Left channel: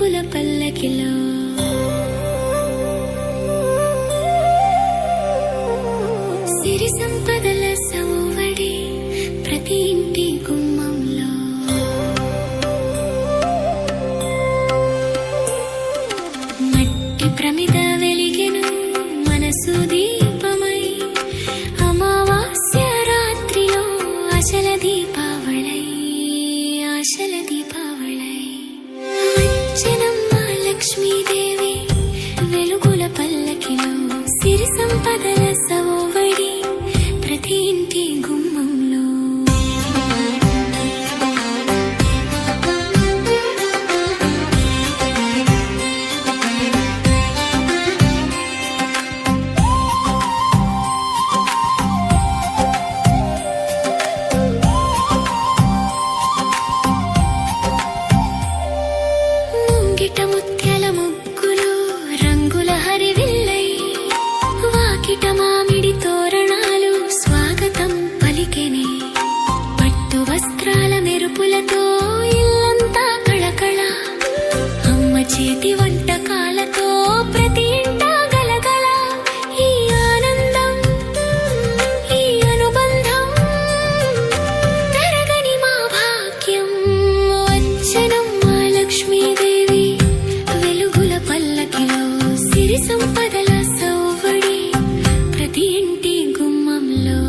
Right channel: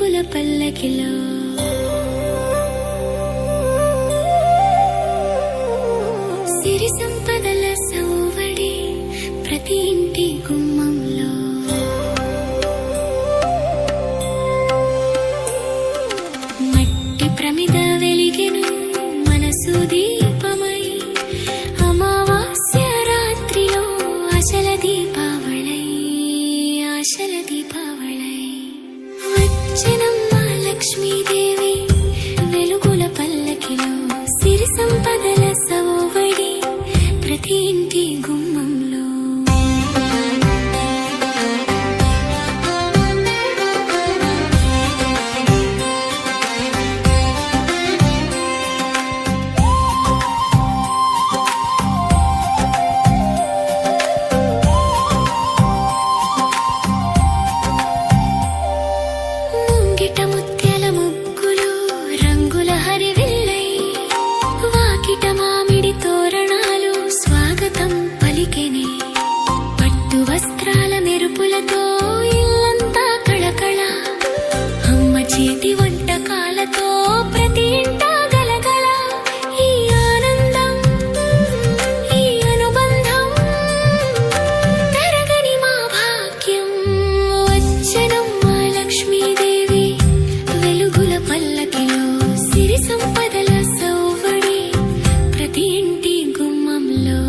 వెలుగుల పల్లకిలో సిరి సంపదల సౌవడి ప్రతి ఇంటి గుమ్మంలో మట్టి ప్రమిద వెలిగెను మనసు దీపమై అమావాస్య రాత్రిలో ఆశల దీపావళై వచ్చెనమ్మ లక్ష్మీదేవి వెలుగుల పల్లకిలో సిరి సంపదల సవోవడి ప్రతి ఇంటి గుమ్మంలో ముత్యాల ముగ్గులు రంగుల హరివిల్లై వాకిట మామిడి తోరణాలు స్వాగతం పలికెనే పట్టు వస్త్రాల మెరుపులతో ఇల్లంతా కళకళ అమ్మ చేతి వంటకాలతో ప్రతి ఇంటా గలగల ఈ ఆనందం ఈ అనుబంధం తరగని మా భాగ్యం వచ్చెనమ్మ లక్ష్మీదేవి వెలుగుల పల్లకిలో సిరి సంపదల సౌవడి ప్రతి ఇంటి గుమ్మంలో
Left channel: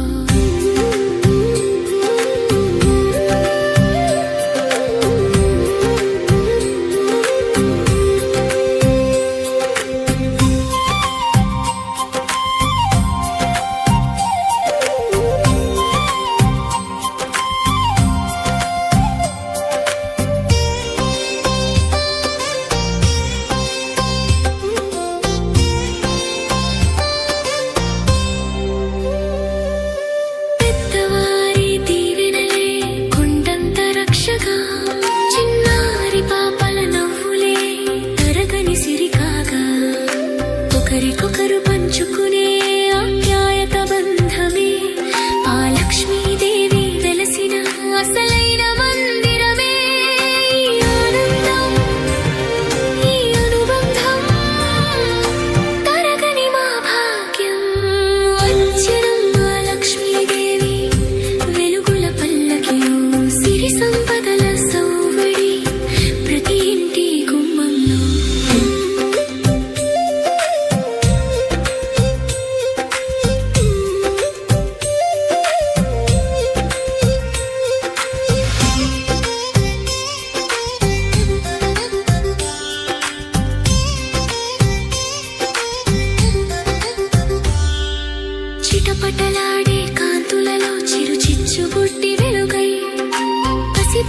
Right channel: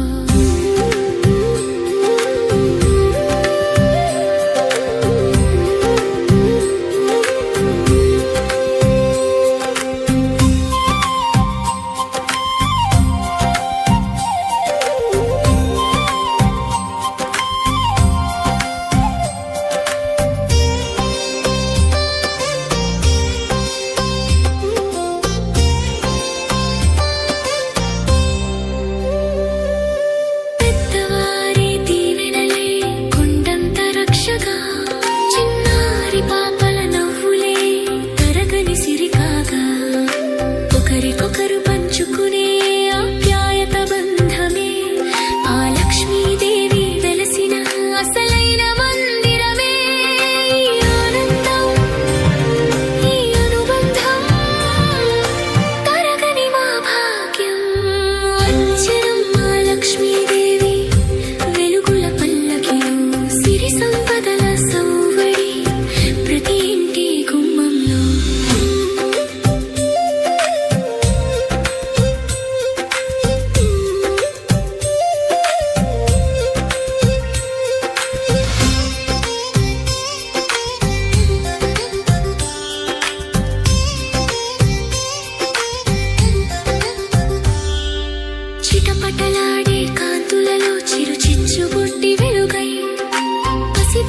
చిన్నారి పాపల నవ్వులే తరగని సిరికాగా ఒకరికొకరు పంచుకునే ఆప్యాయత బంధమే ఆ లక్ష్మీదేవి వెలసిన అసలైన మందిరమే ఈ ఆనందం ఈ అనుబంధం తరగని మా భాగ్యం వచ్చెనమ్మ లక్ష్మీదేవి వెలుగుల పల్లకిలో సిరి సంపదల సౌవడి ప్రతి ఇంటి గుమ్మంలో చిటపటలాడే కాంతులలో చిరు చిచ్చుబుడ్డి వెలుగై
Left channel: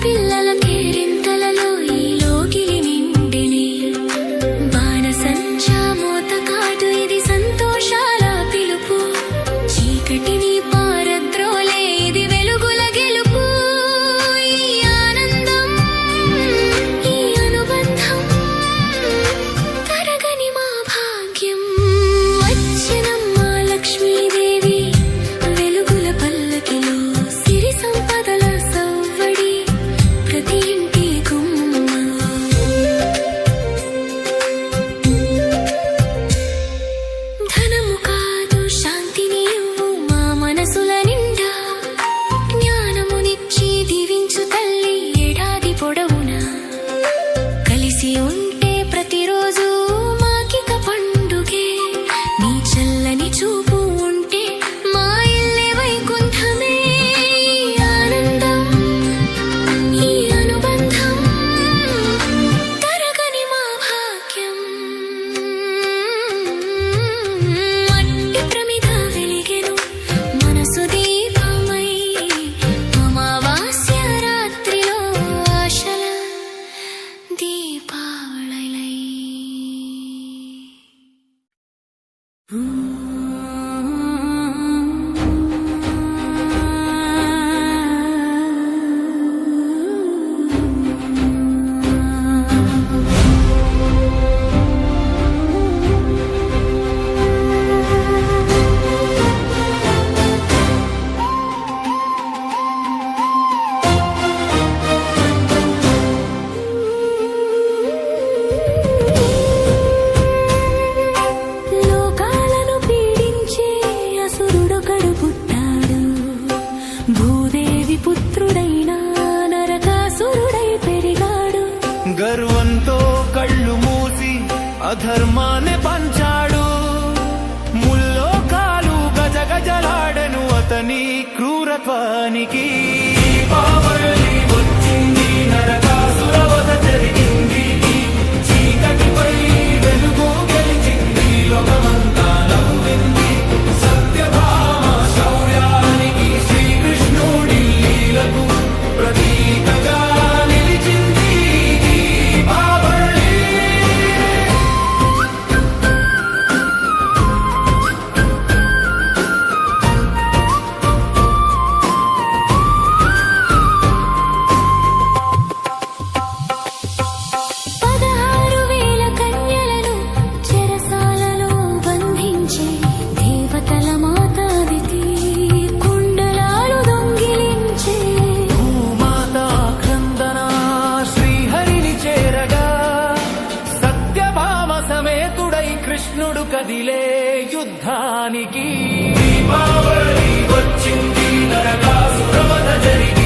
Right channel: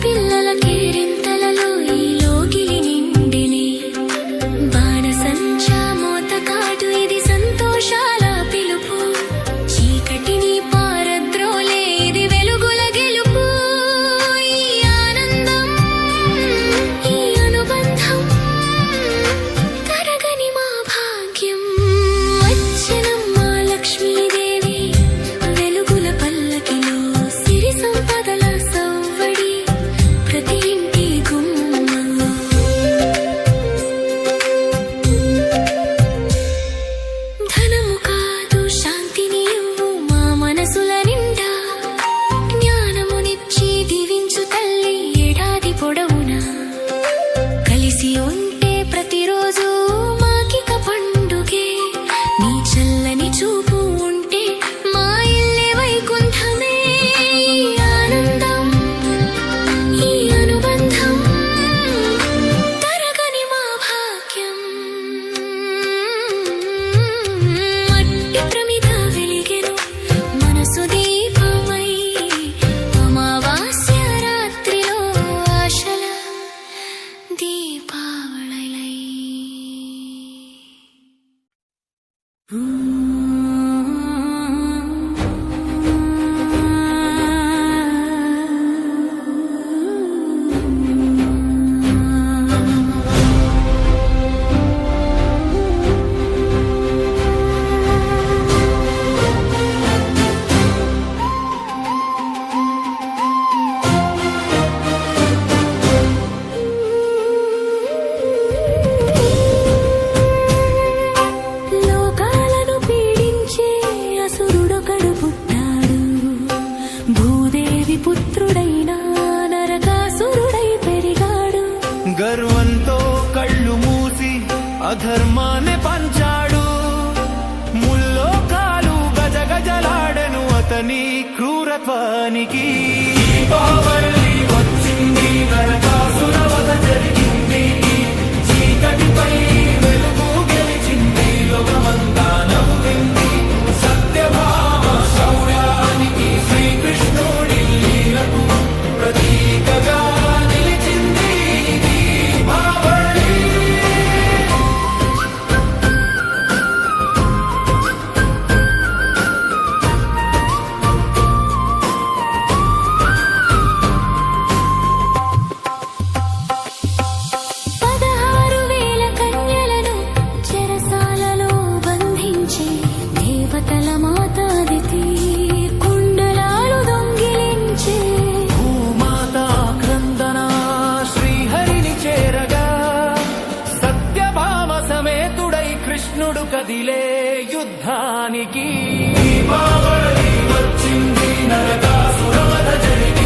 పిల్లల కేరింతలలో ఈ లోగిలి నిండినే బాణసంచా మోతకాటు ఇది సంతోషాల పిలుపు చీకటిని పారద్రోలే ఇది వెలుగుల గెలుపు ఈ ఆనందం ఈ అనుబంధం తరగని మా భాగ్యం వచ్చెనమ్మ లక్ష్మీదేవి వెలుగుల పల్లకిలో సిరి సంపదల సౌవడి ప్రతి ఇంటి గుమ్మంలో ధనము కాదు శాంతిని ఇవ్వు మా మనసుల నిండా జ్ఞానమునిచ్చి దీవించు తల్లి ఏడాది పొడవునా కలిసి ఉంటే ప్రతిరోజు మాకిక పండుగే నీ చల్లని చూపు ఉంటే మా ఇల్లే వైకుంఠమే దీపమై అమావాస్య రాత్రిలో ఆశల దీపావళై పుత్రుడైన నరకాసురుడై పెరిగాడు. గర్వంతో కళ్ళు మూసి అధర్మాన్ని పంచాడు. ముల్లోకాలు గజగజలాడెను అతని క్రూరత్వానికి. దీపావళి వచ్చింది, నరకాసుర వధ జరిగింది. చీకటిపై వెలుగు గెలిచింది, లోకమంతా నవ్వింది. సత్యభామ శౌర్యానికి శ్రీకృష్ణుడి లీలకు ప్రతీకగా నిలిచింది దీపావళి. దేవతల మాతాదితి కుండలాలు దొంగిలించే. భూమాత క్రందన శ్రీహరిని చేరగా సత్యభామ సమేతుడై కృష్ణుడు కదిలే యుద్ధానికి. దీపావళి వచ్చింది, నరకాసుర వధ జరిగింది.